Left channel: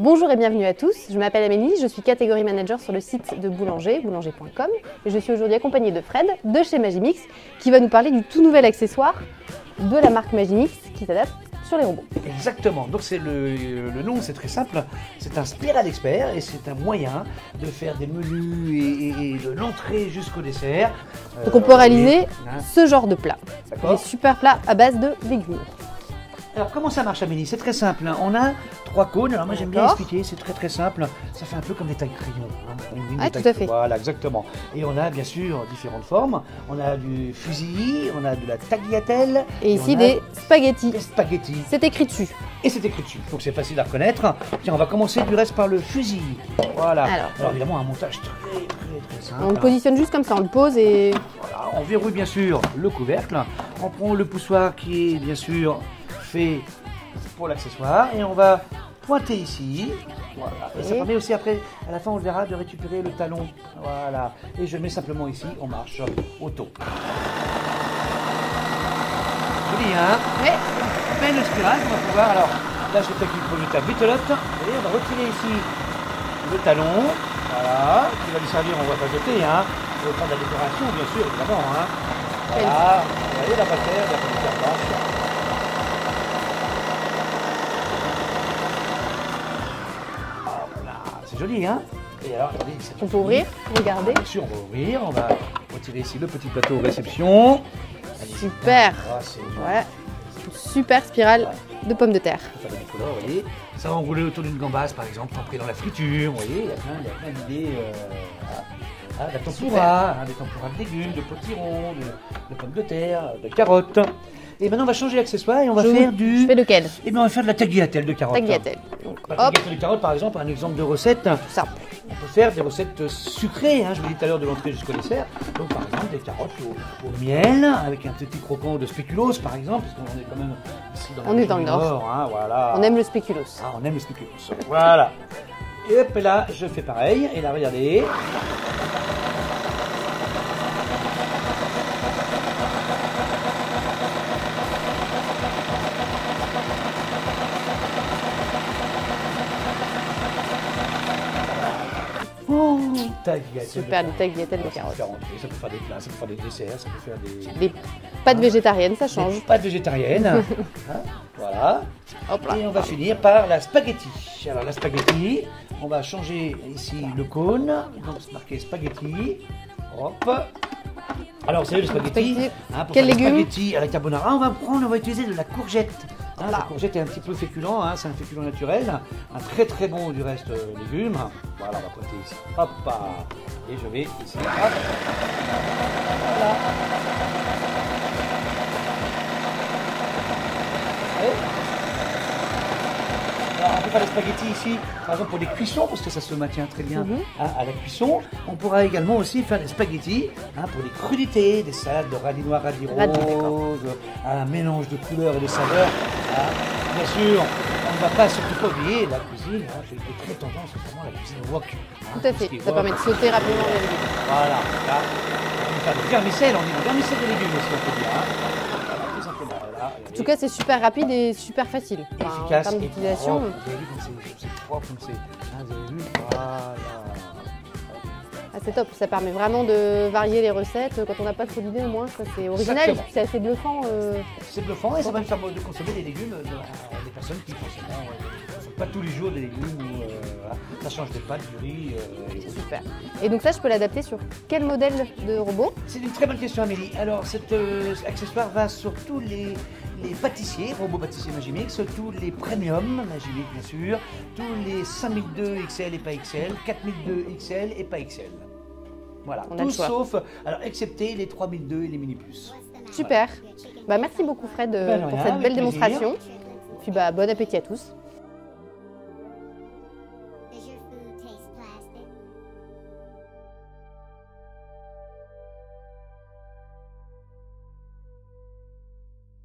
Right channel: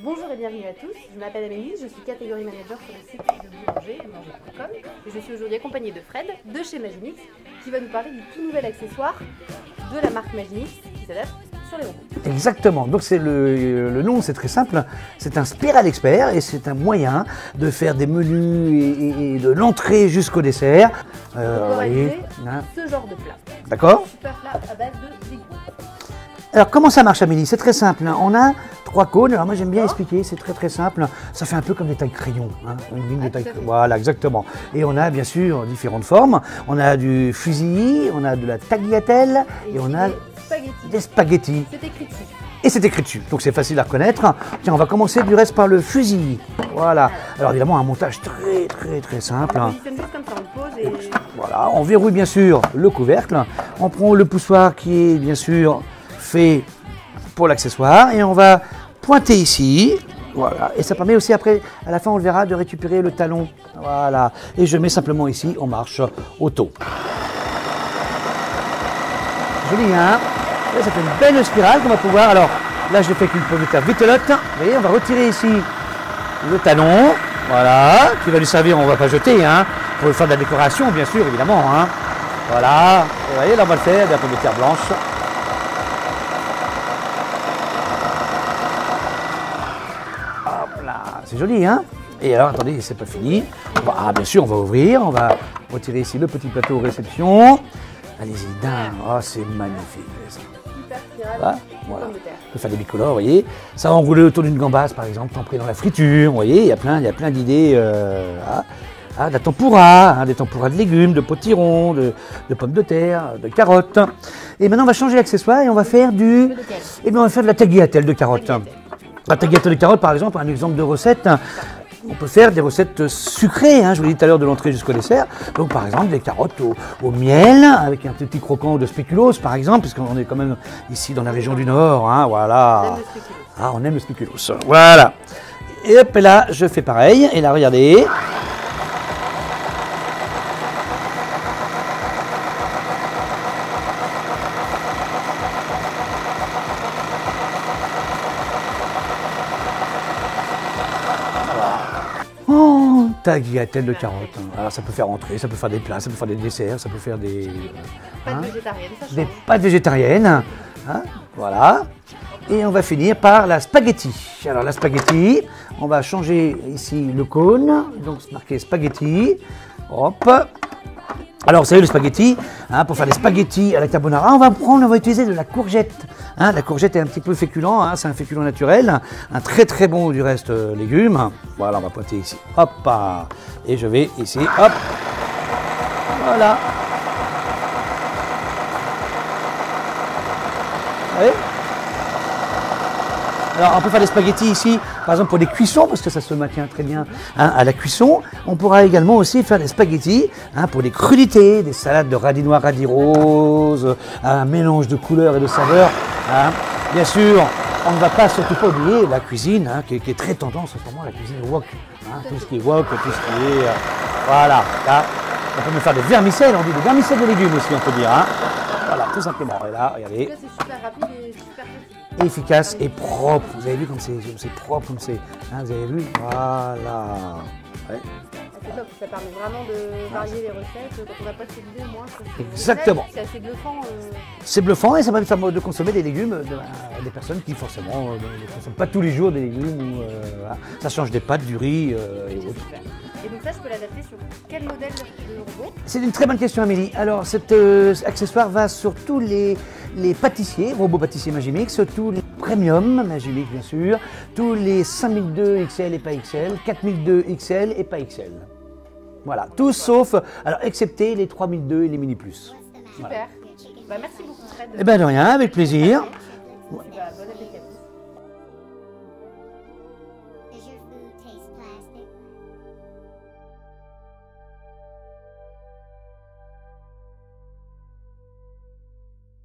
Bonjour et bienvenue à tous, je m'appelle Amélie, je suis catégorie manager sur le site de Boulanger, boulanger.com. Et je suis aujourd'hui accompagnée de Fred de chez Magimix qui va nous parler du tout nouvel accessoire de la marque Magimix qui s'adapte sur les robots. Exactement, donc c'est le nom, c'est très simple, c'est un Spiral Expert et c'est un moyen de faire des menus et de l'entrée jusqu'au dessert. Donc on peut réaliser ce genre de plat. D'accord. Super plat à base de légumes. Alors comment ça marche Amélie? C'est très simple, on a 3 cônes, alors moi j'aime bien expliquer, c'est très simple, ça fait un peu comme des tailles crayons. Hein, tout à fait. Voilà, exactement. Et on a bien sûr différentes formes, on a du fusilli, on a de la tagliatelle. Et ici des spaghettis. Des spaghettis. C'est écrit dessus. Et c'est écrit dessus, donc c'est facile à reconnaître. Tiens, on va commencer du reste par le fusilli. Voilà. Alors évidemment un montage très simple. On le positionne juste comme ça, on le pose et... Voilà, on verrouille bien sûr le couvercle, on prend le poussoir qui est bien sûr fait pour l'accessoire et on va pointer ici, voilà, et ça permet aussi après, à la fin on le verra, de récupérer le talon, voilà, et je mets simplement ici, on marche auto. Joli hein? Oui. Et ça fait une belle spirale qu'on va pouvoir, alors là je l'ai fait avec une pomme de terre vitelotte, vous voyez, on va retirer ici le talon, voilà, qui va lui servir, on ne va pas jeter, hein, pour faire de la décoration bien sûr, évidemment, hein, voilà, vous voyez, là on va le faire, de la pomme de terre blanche. C'est joli, hein? Et alors, attendez, c'est pas fini. Ah, bien sûr, on va ouvrir. On va retirer ici le petit plateau réception. Allez-y. Super. Ah, c'est magnifique. Super spirale de pommes de terre. On peut faire des bicolores, vous voyez. Ça va enrouler autour d'une gambasse, par exemple, tempérée dans la friture. Vous voyez, il y a plein d'idées. De la tempura, hein, des tempuras de légumes, de potirons, de pommes de terre, de carottes. Et maintenant, on va changer l'accessoire et on va faire du... Tu fais lequel? Eh bien, on va faire de la tagliatelle de carottes. Tagliatelle. La tagliatelle de carottes, par exemple, un exemple de recette. Ça. On peut faire des recettes sucrées, hein, je vous l'ai dit tout à l'heure, de l'entrée jusqu'au dessert. Donc, par exemple, des carottes au miel, avec un petit croquant de spéculoos, par exemple, puisqu'on est quand même ici dans la région du Nord. Hein, voilà. On aime le spéculoos. Ah, on aime le spéculoos. Voilà. Et hop, et là, je fais pareil. Et là, regardez. Oh, tagliatelle de carottes. Alors, ça peut faire entrer, ça peut faire des plats, ça peut faire des desserts, ça peut faire des pâtes végétariennes, ça change. Des pâtes végétariennes. Hein, voilà. Et on va finir par la spaghetti. Alors la spaghetti, on va changer ici le cône. Donc c'est marqué spaghetti. Hop. Alors vous savez le spaghetti, hein, pour faire les spaghettis avec carbonara, on va utiliser de la courgette. Hein, la courgette est un petit peu féculent, hein, c'est un féculent naturel, un très bon du reste légume. Voilà, on va pointer ici. Hop, et je vais ici, hop. Voilà. Allez. Alors on peut faire des spaghettis ici, par exemple pour des cuissons, parce que ça se maintient très bien hein, à la cuisson. On pourra également aussi faire des spaghettis hein, pour des crudités, des salades de radis noirs, radis roses, un mélange de couleurs et de saveurs. Hein. Bien sûr, on ne va pas surtout pas oublier la cuisine, hein, qui est très tendance en ce moment, la cuisine wok. Hein, tout à fait. Ce qui est wok, voilà, là, on peut faire des vermicelles, on dit des vermicelles de légumes aussi, on peut dire. Hein. Voilà, tout simplement. Et là, regardez. En tout cas, c'est super rapide et super facile. Efficace et propre. Vous avez vu comme c'est propre, comme c'est. Hein, vous avez vu? Voilà. Ouais. Ah, c'est top, ça permet vraiment de varier les recettes. Quand on n'a pas cette idée, au moins, c'est original. Exactement. C'est assez bluffant. C'est bluffant et ça va nous faire de consommer des légumes des personnes qui forcément ne consomment pas tous les jours des légumes. Voilà. Ça change des pâtes, du riz. C'est super. Et donc ça, je peux l'adapter sur quel modèle de robot? C'est une très bonne question, Amélie. Alors, cet accessoire va sur tous les pâtissiers, robots pâtissiers Magimix, tous les premium Magimix, bien sûr, tous les 5002 XL et pas XL, 4002 XL et pas XL. Voilà, tous sauf, alors excepté les 3002 et les Mini Plus. Super. Bah, merci beaucoup, Fred. Eh ben de rien, avec plaisir. Et puis, bon appétit à tous.